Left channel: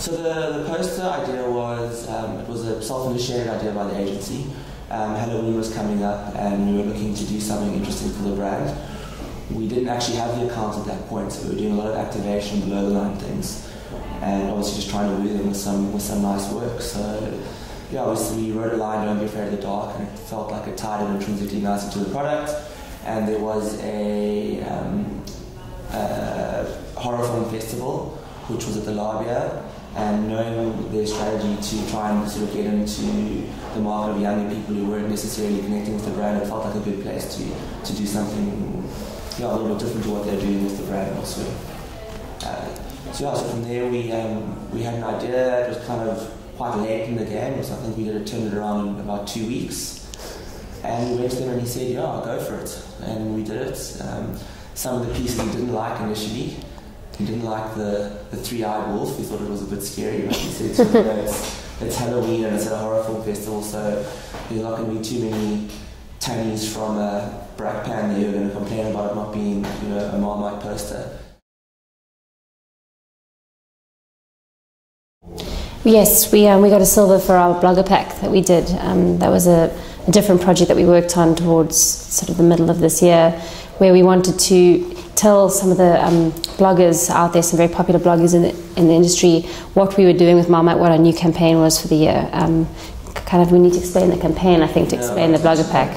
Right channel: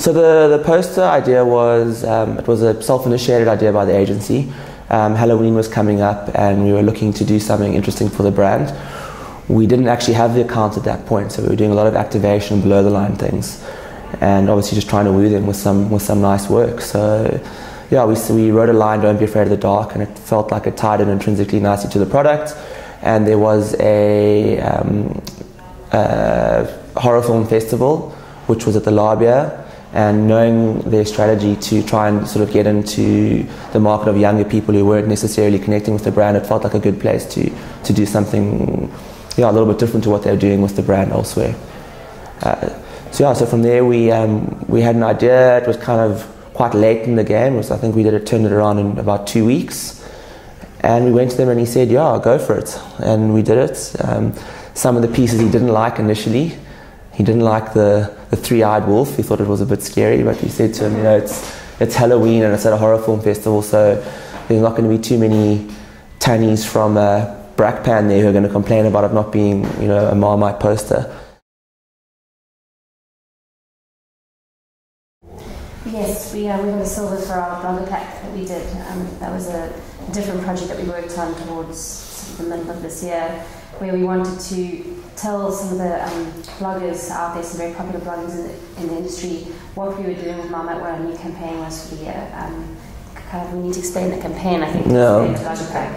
So the poster idea was, it was a self-initiated idea by the agency. Halloween was coming up and we were looking to do something interesting for the brand. We didn't actually have the account at that point, so we were doing a lot of activation, below the line things, and obviously just trying to woo them with some nice work. So yeah, we wrote a line, "Don't be afraid of the dark," and it felt like it tied in intrinsically nicely to the product. And there was a horror film festival, which was at the Loerie, and knowing their strategy to try and sort of get into the market of younger people who weren't necessarily connecting with the brand, it felt like a good place to do something a little bit different to what they were doing with the brand elsewhere. So from there we had an idea. It was kind of quite late in the game, so I think turned it around in about 2 weeks. And we went to them and he said, "Yeah, go for it." And we did it. Some of the pieces he didn't like initially. He didn't like the three-eyed wolf. He thought it was a bit scary, but he said to him, it's Halloween and it's at a horror film festival, so there's not going to be too many tannies from Brackpan there who are going to complain about it not being, a Marmite poster. Yes, we got a silver for our blogger pack that we did. That was a different project that we worked on towards sort of the middle of this year, where we wanted to tell some of the bloggers out there, some very popular bloggers in the industry, what we were doing with Marmite, what our new campaign was for the year. We need to explain the campaign, I think, to explain the blogger pack.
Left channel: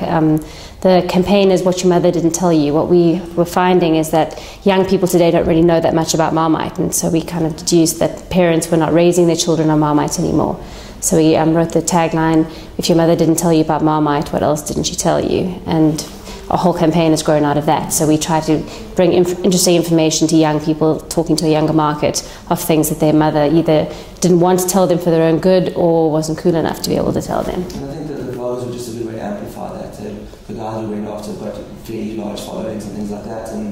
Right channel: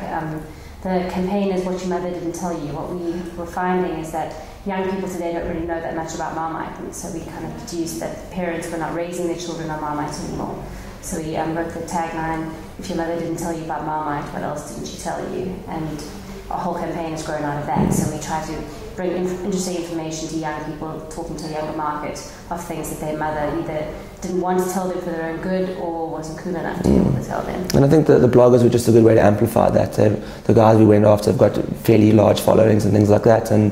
The campaign is what your mother didn't tell you. What we were finding is that young people today don't really know that much about Marmite, and so we kind of deduced that parents were not raising their children on Marmite anymore. So we wrote the tagline, "If your mother didn't tell you about Marmite, what else didn't she tell you?" And our whole campaign has grown out of that. So we try to bring interesting information to young people, talking to a younger market of things that their mother either didn't want to tell them for their own good or wasn't cool enough to be able to tell them. And I think that the bloggers were just a good way to amplify that. The guys we went after have got fairly large followings and things like that. And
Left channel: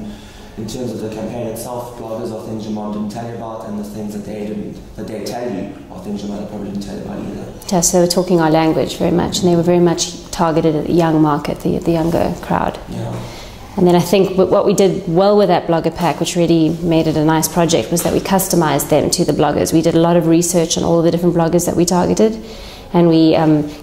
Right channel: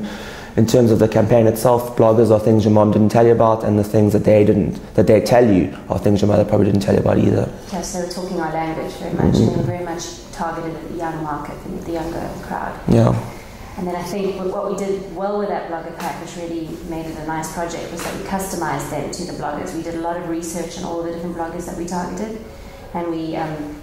in terms of the campaign itself, bloggers are things your mom didn't tell you about, and the things that they tell you are things your mother probably didn't tell you about either. Yeah, so they were talking our language very much, and they were very much targeted at the young market, the younger crowd. Yeah. And then I think what we did well with that blogger pack, which really made it a nice project, was that we customized them to the bloggers. We did a lot of research on all of the different bloggers that we targeted, and we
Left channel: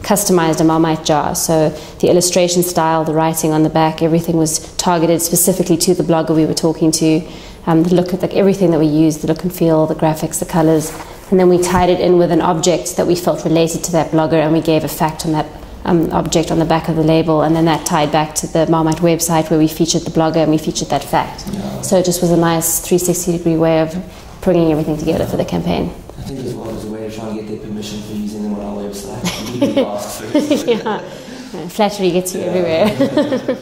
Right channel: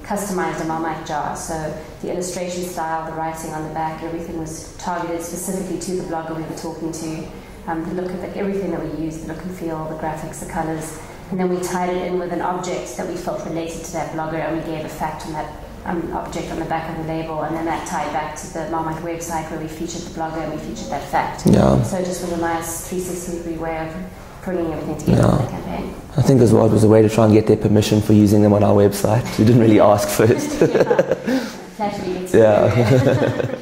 customized a Marmite jar. So the illustration style, the writing on the back, everything was targeted specifically to the blogger we were talking to. The look at everything that we used, the look and feel, the graphics, the colors, and then we tied it in with an object that we felt related to that blogger, and we gave a fact on that object on the back of the label, and then that tied back to the Marmite website where we featured the blogger and we featured that fact. Yeah. So it just was a nice 360-degree way of bringing everything together for the campaign. I think as well it was a way to try and get their permission for using them on our website. We didn't really ask first. Flattery gets you everywhere.